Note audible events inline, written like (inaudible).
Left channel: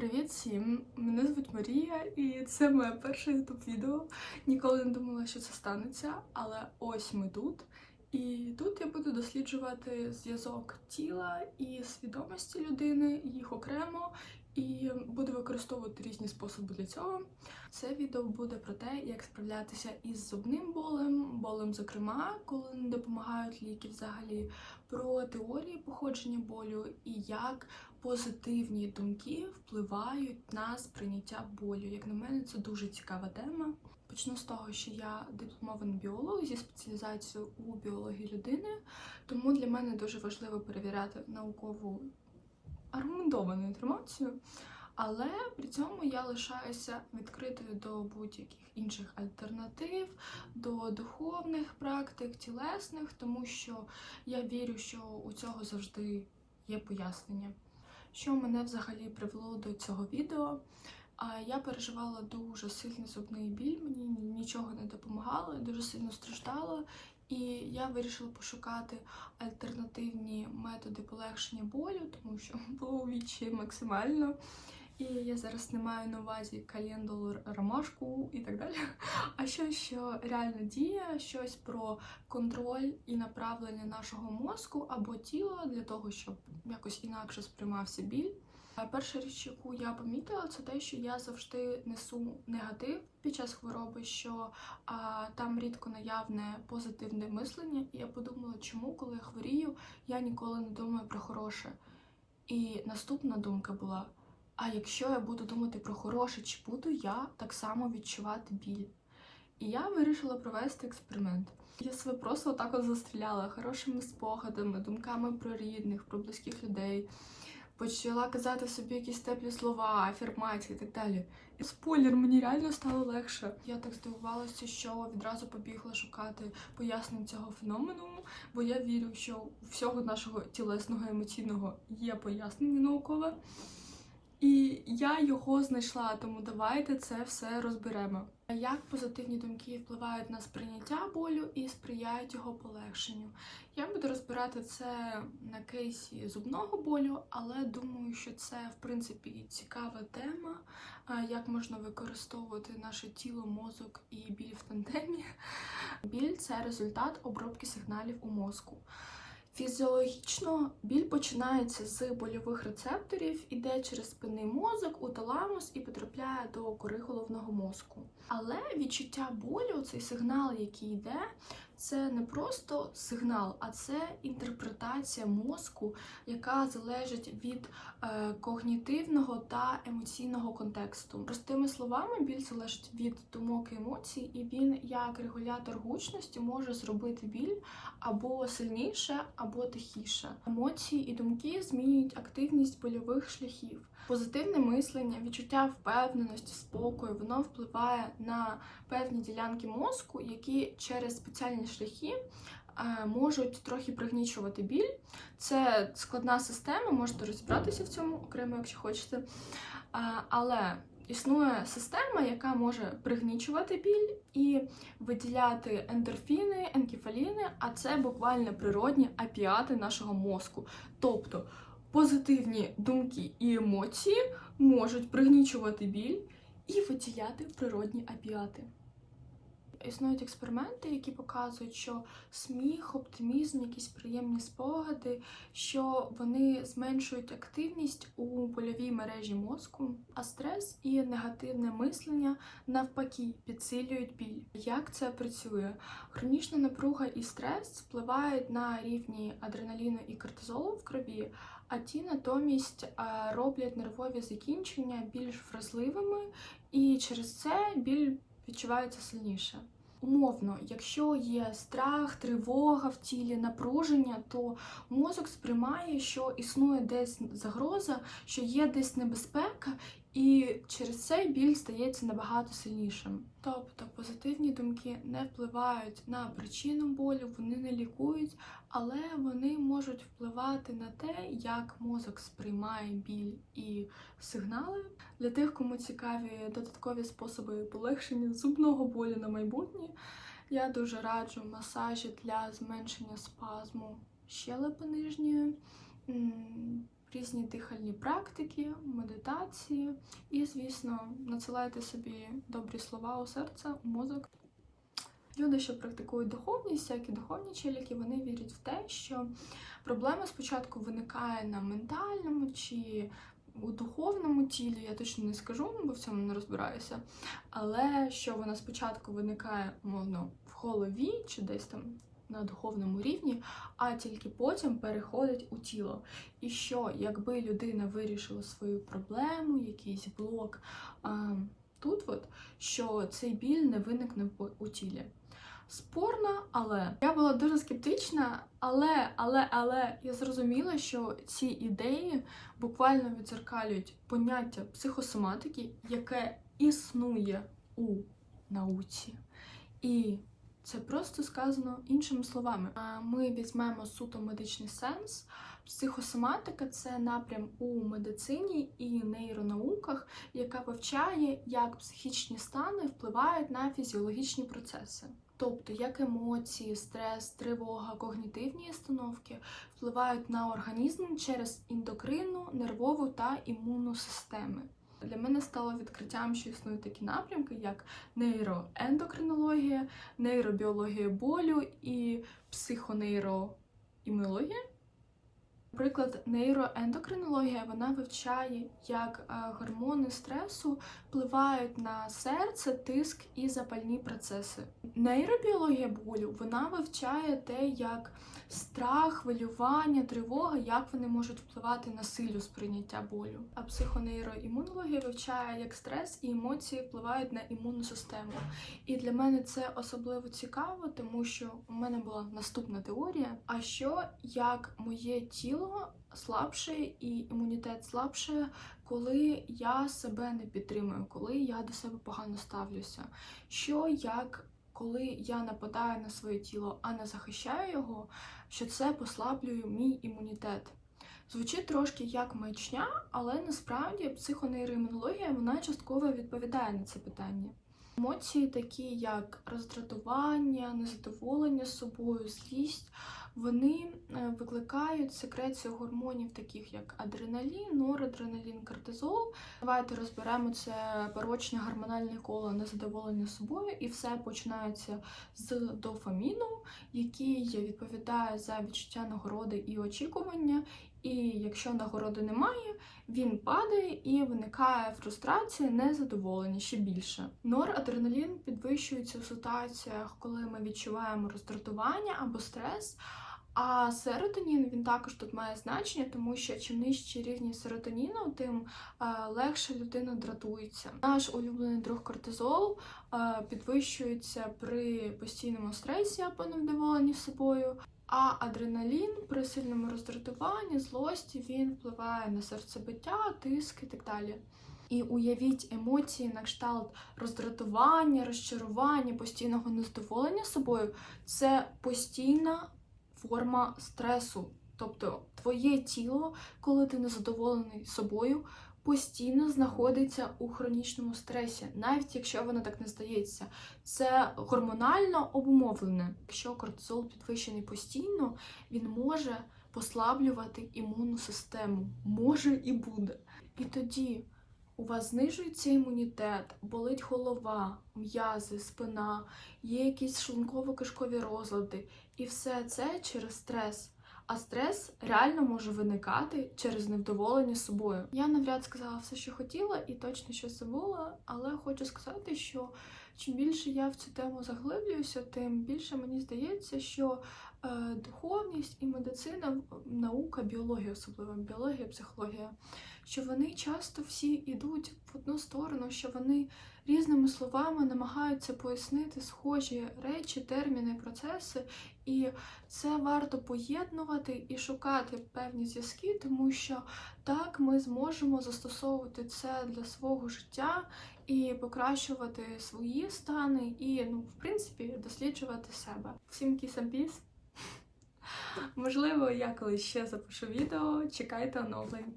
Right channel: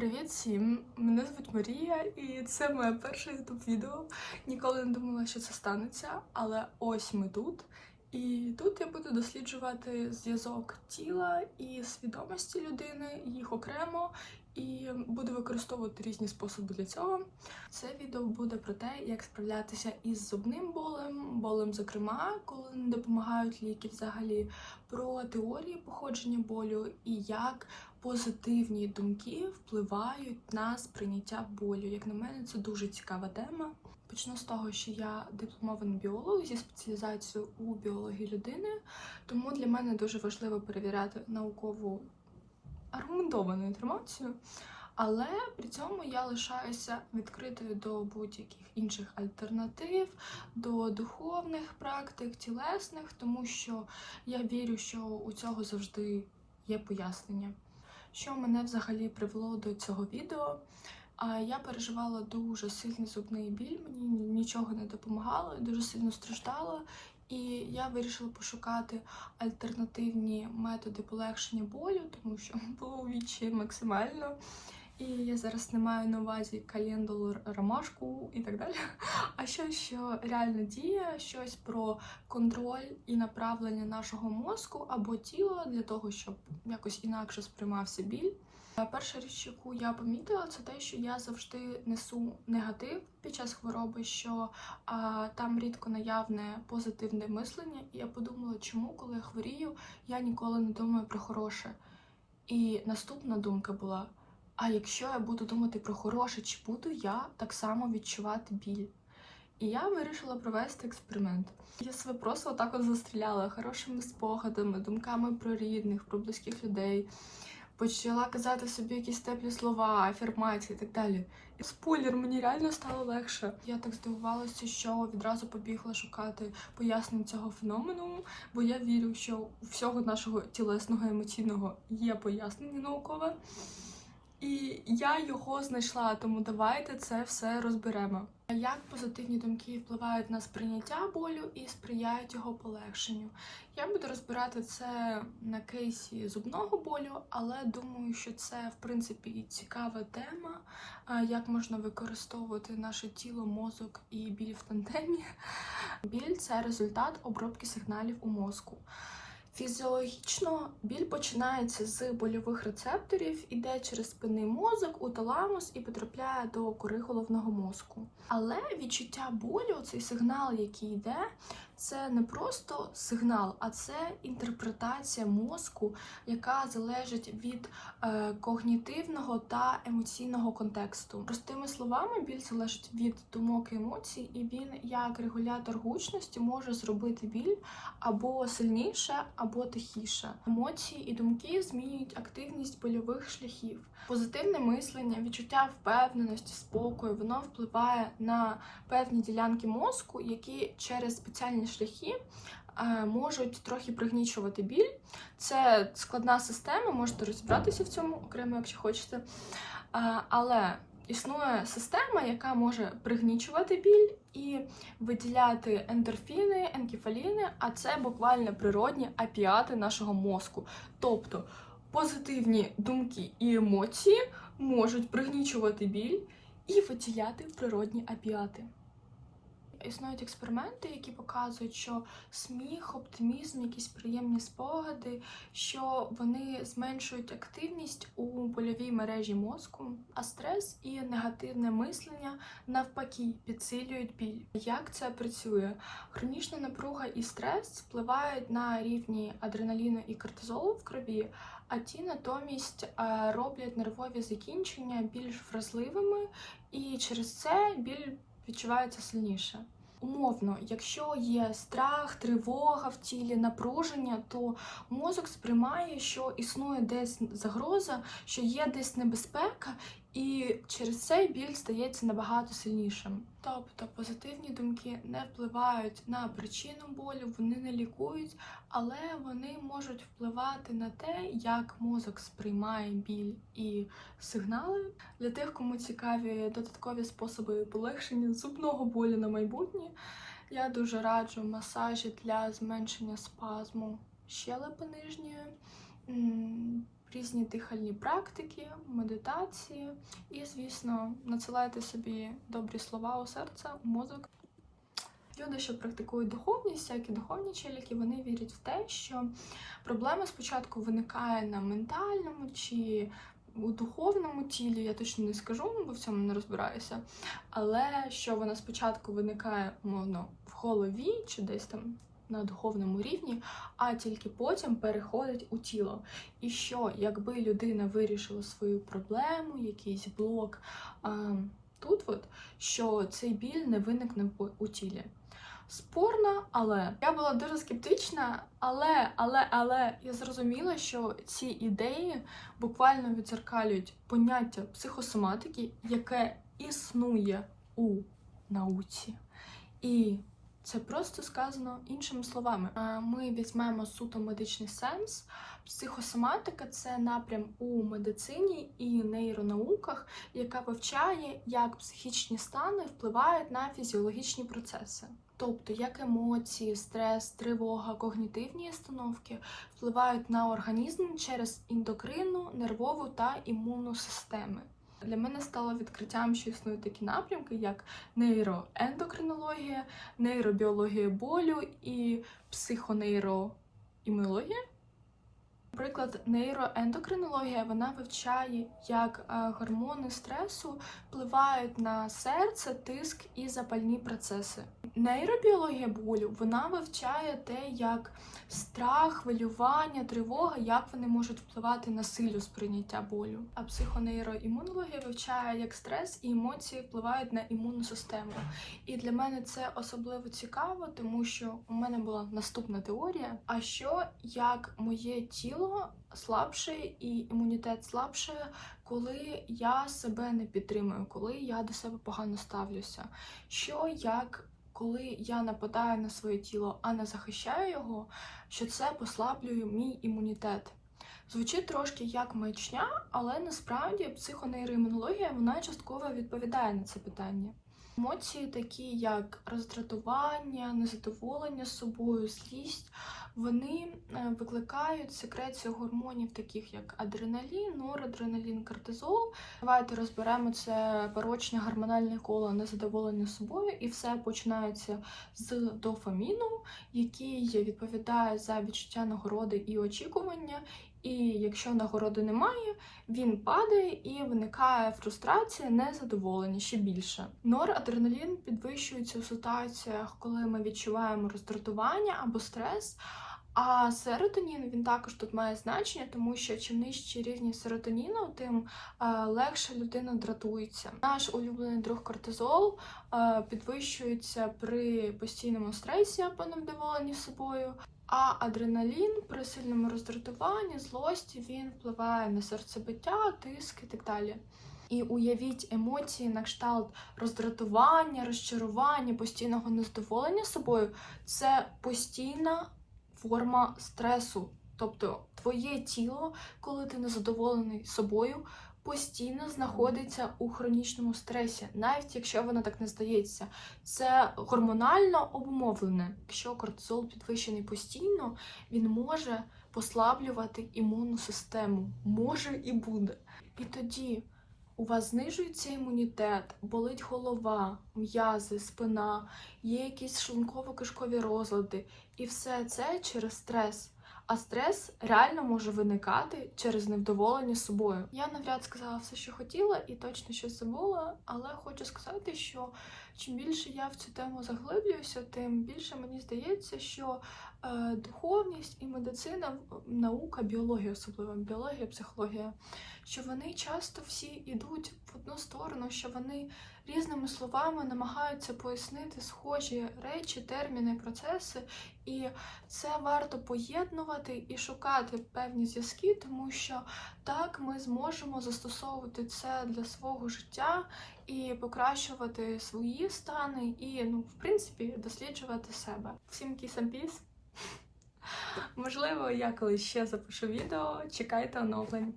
Привіт всім! Мене звуть Марія, і це моє перше youtube відео. Ніколи не думала, що це станеться, але ось ми тут. І тут я буду досліджувати зв'язок тіла і свідомості людини, їх окремо, і буду використовувати різні способи для цього. Це відео буде про те, як справлятися із зубним болем, болем, зокрема, коли не допомагають ліки взагалі, про теорії походження болю і як позитивні думки впливають на сприйняття болю. Як на мене, це дуже цікава тема. Почну з того, що я дипломований біолог зі спеціалізацією у біології людини, тому для мене дуже важливо перевіряти наукову аргументовану інформацію. Але при цьому я лишаюся відкритою до будь-яких інших альтернатив, до духовних практик, тілесних, тому що я вірю, що у цього завжди є пояснення. Що мене взагалі привело до цього відео? Я переживала дуже сильний зубний біль, мені нічого не допомагало, я дуже сильно страждала, і я вирішила пошукати альтернативні методи полегшення болю, тому що (laughs) було вічі максимально. І я зараз не маю на увазі календулу, ромашку і так далі. (laughs) А щось, що реально діє, щось про контроль і направлення нашого мозку або тіла для того, щоб якось інакше сприймався біль. Перша річ, яку я помітила, це те, що я завжди несу негатив під час хвороби, що а, там рідко наявне позитивне мислення. І я подумала, чому, коли я хворію, я ніколи не думаю про хороше. І наступна думка була: а якщо я буду думати про хороше, чи буду я так само відчувати біль? І я вирішила провести експеримент. Я себе просто отак от застріляла хорошими спогадами, думками про рідних, про близьких людей. Почала казати собі якісь теплі слова, афірмації і так далі. І спойлер, мені реально стало легше. Я так здивувалася, що відразу побігла шукати пояснень цього феномену, бо я вірю, що у всього нашого тілесного емоційного є пояснення наукове. І я його знайшла, тому давайте це все розберемо. Як позитивні думки впливають на сприйняття болю і сприяють його полегшенню? Я буду розбирати це на кейсі зубного болю, але думаю, що це в принципі цікава тема, як можна використовувати наше тіло, мозок і біль в тандемі. Біль це результат обробки сигналів у мозку. Фізіологічно біль починається з больових рецепторів, іде через спинний мозок у таламус і потрапляє до кори головного мозку. Але відчуття болю, цей сигнал, який йде, це не просто сигнал, а це інтерпретація мозку, яка залежить від е, когнітивного та емоційного контексту. Простими словами, біль залежить від думок і емоцій, і він, як регулятор гучності, може зробити біль або сильніше, або тихіше. Емоції і думки змінюють активність больових шляхів. Позитивне мислення, відчуття впевненості, спокою, воно впливає на певні ділянки мозку, які через спеціальні шляхи е, можуть трохи пригнічувати біль. Це складна система, можете розібратися в цьому окремо, якщо хочете. Е, Але існує система, яка може пригнічувати біль і виділяти ендорфіни, енкефаліни, а це буквально природні апіати нашого мозку. Тобто позитивні думки і емоції можуть пригнічувати біль і виділяти природні апіати. Існують експерименти, які показують, що сміх, оптимізм, якісь приємні спогади, що вони зменшують активність у больовій мережі мозку, а стрес і негативне мислення навпаки підсилюють біль. Як це працює? Хронічна напруга і стрес впливають на рівні адреналіну і кортизолу в крові, а ті натомість роблять нервові закінчення більш вразливими, і через це біль відчувається сильніше. Умовно, якщо є страх, тривога в тілі, напруження, то мозок сприймає, що існує десь загроза, що є десь небезпека, і через це біль стається набагато сильнішим. Тобто позитивні думки не впливають на причину болю, вони не лікують, але вони можуть впливати на те, як мозок сприймає біль і сигнали. Для тих, кому цікаві додаткові способи полегшення зубного болю на майбутнє, я дуже раджу масажі для зменшення спазму щелепи нижньої. Різні дихальні практики, медитації і, звісно, надсилайте собі добрі слова у серце, у мозок. Люди, що практикують духовність, всякі духовні челіки, вони вірять в те, що проблема спочатку виникає на ментальному чи у духовному тілі, я точно не скажу, бо в цьому не розбираюся. Але що вона спочатку виникає, умовно, в голові чи десь там на духовному рівні, а тільки потім переходить у тіло. І що, якби людина вирішила свою проблему, якийсь блок а, тут, от, що цей біль не виникне у тілі. Спорно, але я була дуже скептична, але, але, але я зрозуміла, що ці ідеї буквально відзеркалюють поняття психосоматики, яке існує у науці. І це просто сказано іншими словами. Ми візьмемо суто медичний сенс. Психосоматика це напрям у медицині і нейронауках, яка вивчає, як психічні стани впливають на фізіологічні процеси. Тобто, як емоції, стрес, тривога, когнітивні установки впливають на організм через ендокринну, нервову та імунну системи. Для мене стало відкриттям, що існують такі напрямки, як нейроендокринологія, нейробіологія болю і психонейроімунологія. Наприклад, нейроендокринологія вона вивчає, як е, гормони стресу впливають на серце, тиск і запальні процеси. Нейробіологія болю вона вивчає те, як страх, хвилювання, тривога, як вони можуть впливати на силу сприйняття болю. А психонейроімунологія вивчає, як стрес і емоції впливають на імунну систему. І для мене це особливо цікаво, тому що у мене була наступна теорія. А що як моє тіло слабше і імунітет слабше, коли я себе не підтримую, коли я до себе погано ставлюся? Що як коли я нападаю на своє тіло, а не захищаю його, що це послаблює мій імунітет? Звучить трошки як маячня, але насправді психонейроімунологія вона частково відповідає на це питання. Емоції, такі як роздратування, незадоволення собою, злість, вони е, викликають секрецію гормонів, таких як адреналін, норадреналін, кортизол. Давайте розберемо це порочне гормональне коло незадоволення собою, і все починається з дофаміну, який відповідає за відчуття нагороди і очікування. І якщо нагороди немає, він падає і виникає фрустрація, незадоволення ще більше. Норадреналін підвищується у ситуаціях, коли ми відчуваємо роздратування або стрес. А серотонін він також тут має значення, тому що чим нижчі рівні серотоніну, тим е, легше людина дратується. Наш улюблений друг кортизол е, підвищується при постійному стресі або невдоволенні собою. А адреналін при сильному роздратуванні, злості він впливає на серцебиття, тиск і так далі. І уявіть емоції на кшталт роздратування, розчарування, постійного незадоволення собою це постійна форма стресу. Тобто твоє тіло, коли ти незадоволений собою, постійно знаходиться у хронічному стресі, навіть якщо воно так не здається. Це гормонально обумовлене. Якщо кортизол підвищений постійно, він може послаблювати імунну систему. Може і буде. І тоді у вас знижується імунітет, болить голова, м'язи, спина, є якісь шлунково-кишкові розлади. І все це через стрес. А стрес реально може виникати через невдоволення собою. Я навряд сказала все, що хотіла, і точно щось забула, але хочу сказати, що чим більше я в цю тему заглиблююся, тим більше мені здається, що е, духовність і медицина, наука, біологія, особливо біологія, психологія, що вони часто всі йдуть в одну сторону, що вони різними словами намагаються пояснити схожі речі, терміни, процеси, і це варто поєднувати і шукати певні зв'язки, тому що так ми зможемо застосовувати це для свого життя і покращувати свої стани, і, ну, в принципі, досліджувати себе. Всім peace! Можливо, я колись ще запишу відео. Чекайте оновлень.